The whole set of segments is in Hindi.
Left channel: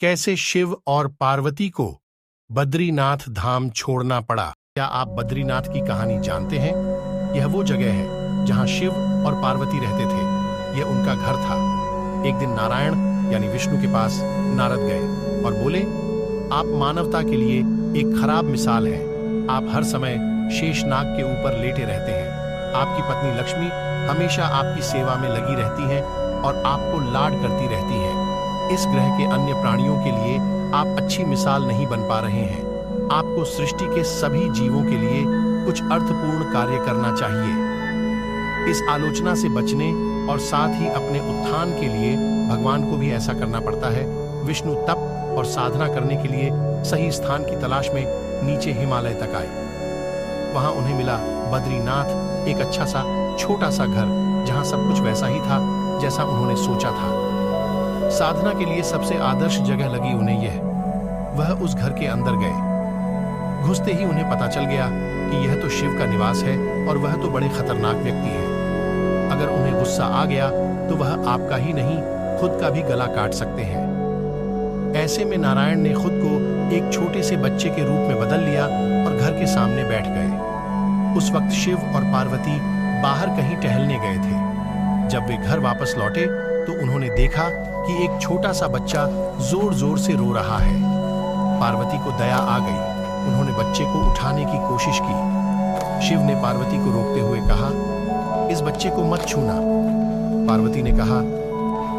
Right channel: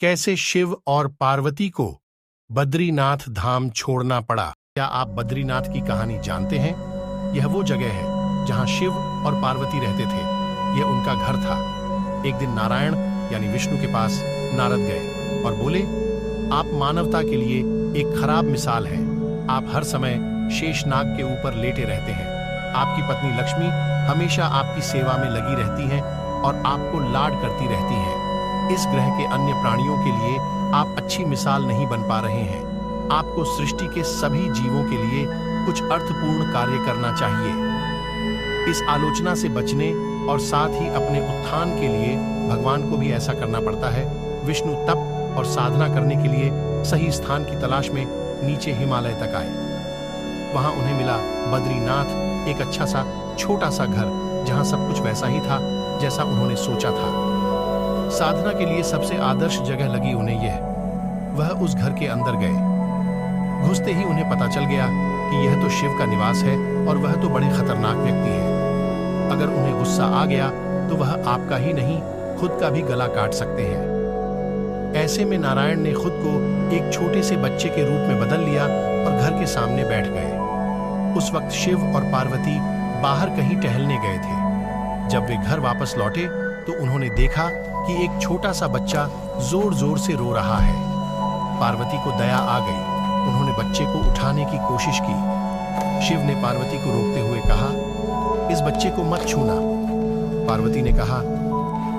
कैसे शिव और पार्वती को बद्रीनाथ धाम छोड़ना पड़ा। क्या आप बद्रीनाथ की कहानी जानते हैं? यह वो जगह है जहां शिव और पार्वती रहते थे। यह उनका घर था। एक दिन नारायण यानी विष्णु के पास नारद गए और बोले, आप मानवता के लिए एक खराब मिसाल हैं। आप हर समय शेषनाग के ऊपर लेटे रहते हैं। आपकी पत्नी लक्ष्मी हमेशा आपकी सेवा में लगी रहती हैं और आपको लाड करती रहती हैं। इस ग्रह के अन्य प्राणियों के लिए आप अच्छी मिसाल नहीं बन पा रहे हैं। आपको सृष्टि के सभी जीवों के लिए कुछ अर्थपूर्ण कार्य करना चाहिए। इस आलोचना से बचने और साथ ही अपने उत्थान के लिए भगवान को भी ऐसा करना पड़ता है। विष्णु तप और साधना करने के लिए सही स्थान की तलाश में नीचे हिमालय तक आए। वहां उन्हें मिला बद्रीनाथ, एक अच्छा सा छोटा सा घर जहां सब कुछ वैसा ही था जैसा उन्होंने सोचा था। साधना के लिए सबसे आदर्श जगह लगी उन्हें यह। वह उस घर के अंदर गए। घुसते ही उन्हें पता चल गया कि यह तो शिव का निवास है और वह तो बड़े खतरनाक व्यक्ति हैं। अगर उन्हें गुस्सा आ गया तो वह आपका ही नहीं खुद का भी गला काट सकते हैं। ऐसे में नारायण ने खुद को एक छोटे से बच्चे के रूप में बदल लिया और घर के सामने बैठ गए। उस वक्त शिव और पार्वती बाहर कहीं टहलने गए थे। जब वे घर वापस लौटे तो उन्होंने देखा कि एक छोटा सा बच्चा जोर जोर से रो रहा है। पार्वती को दया आ गई। उन्होंने बच्चे को उठाने की कोशिश की। शिव ने पार्वती को रोकते हुए कहा, इस बच्चे को मत छूना। पार्वती ने कहा,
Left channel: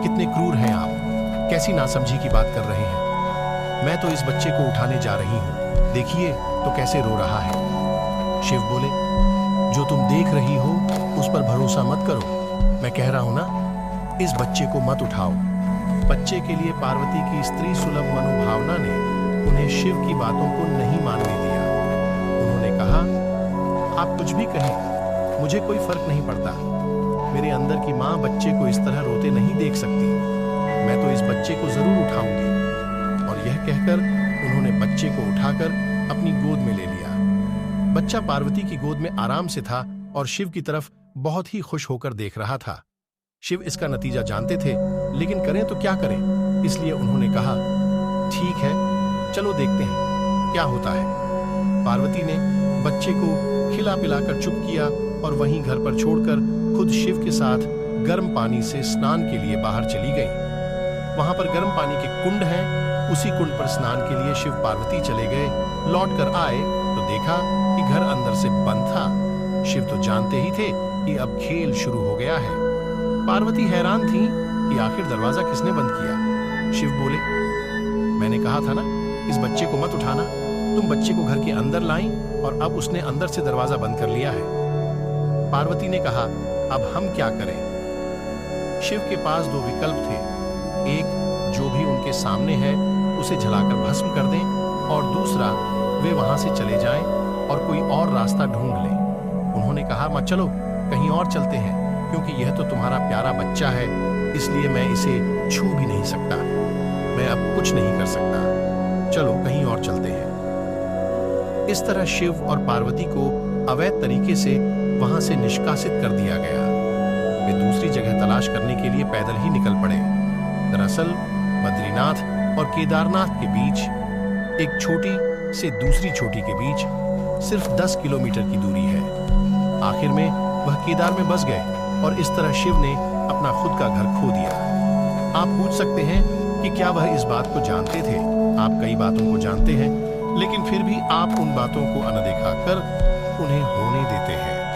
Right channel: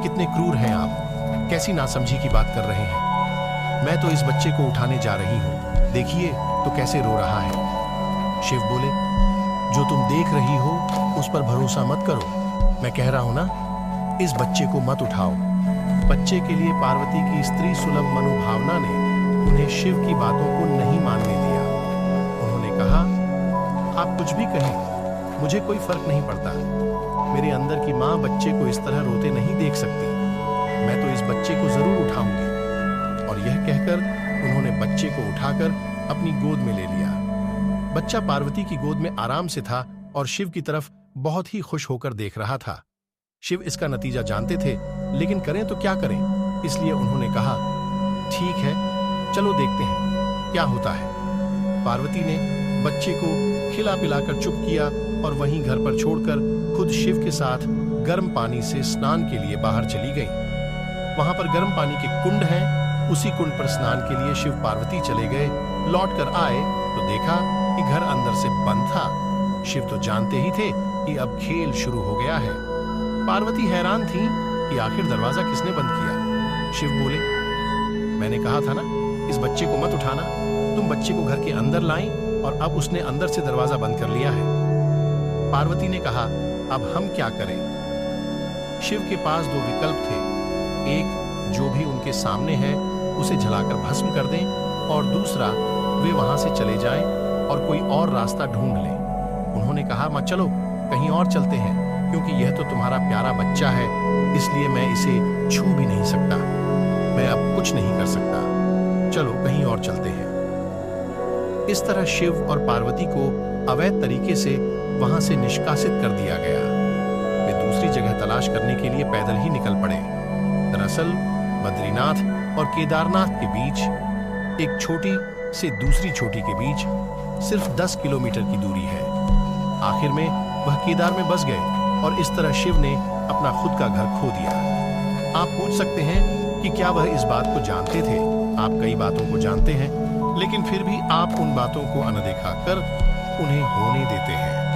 कितने क्रूर हैं आप, कैसी नासमझी की बात कर रहे हैं। मैं तो इस बच्चे को उठाने जा रही हूं, देखिए तो कैसे रो रहा है। शिव बोले, जो तुम देख रही हो उस पर भरोसा मत करो। मैं कह रहा हूं ना, इस बच्चे को मत उठाओ। बच्चे के लिए पार्वती की स्त्री सुलभ मनोभावना ने उन्हें शिव की बातों को नहीं मानने दिया। उन्होंने कहा, आप कुछ भी कहें, मुझे कोई फर्क नहीं पड़ता। मेरे अंदर की मां बच्चे को इस तरह रोते नहीं देख सकती। मैं तो इस बच्चे को जरूर उठाऊंगी। और यह कहकर उन्होंने बच्चे को उठाकर अपनी गोद में ले लिया। बच्चा पार्वती की गोद में आराम से था और शिव की तरफ बहुत ही खुश होकर देख रहा था। शिव इसका नतीजा जानते थे, लेकिन करें तो क्या करें, इसलिए उन्होंने कहा, ठीक है, चलो देखते हैं क्या होता है। पार्वती ने बच्चे को खिला पिलाकर चुप किया और वहीं घर पर छोड़कर खुद शिव के साथ गर्म पानी से स्नान के लिए बाहर चली गई। वहां पर गर्म पानी के कुंड हैं, उसी कुंड पर स्नान के लिए शिव पार्वती चले गए। लौट कर आए तो देखा कि घर अंदर से बंद था। शिव तो जानते ही थे कि अब खेल शुरू हो गया है। पार्वती हैरान थी कि आखिर दरवाजा किसने बंद किया। शिव बोले, मैंने कहा था ना, इस बच्चे को मत उठाना। तुम बच्चे को घर के अंदर लाई और अब उसने अंदर से दरवाजा बंद कर लिया है। पार्वती ने कहा, अब हम क्या करें? शिव के पास दो विकल्प थे। एक, जो भी उनके सामने है उसे जलाकर भस्म कर दें, और दूसरा, वे वहां से चले जाएं और कोई और रास्ता ढूंढ लें। उन्होंने कहा, मत चलो, कहीं और चलते हैं, क्योंकि यह तो तुम्हारा प्यारा बच्चा है, इसलिए मैं इसे छू भी नहीं सकता। मैं अब कुछ नहीं कर सकता। चलो कहीं और चलते हैं। इस तरह शिव और पार्वती को अवैध तरीके से वहां से निष्कासित कर दिया गया। वे दूसरी जगह तलाश करने के लिए पैदल ही निकल पड़े। दरअसल बद्रीनाथ और केदारनाथ के बीच, एक छोटी से दूसरी चोटी के बीच सिर्फ 10 किलोमीटर की दूरी है। आखिर में वह केदार में बस गए और इस तरह शिव ने अपना खुद का घर खो दिया। आप पूछ सकते हैं कि क्या वह इस बात को जानते थे? आप कई बातों को जानते हैं, लेकिन फिर भी आप उन बातों को अनदेखा कर उन्हें होने देते हैं।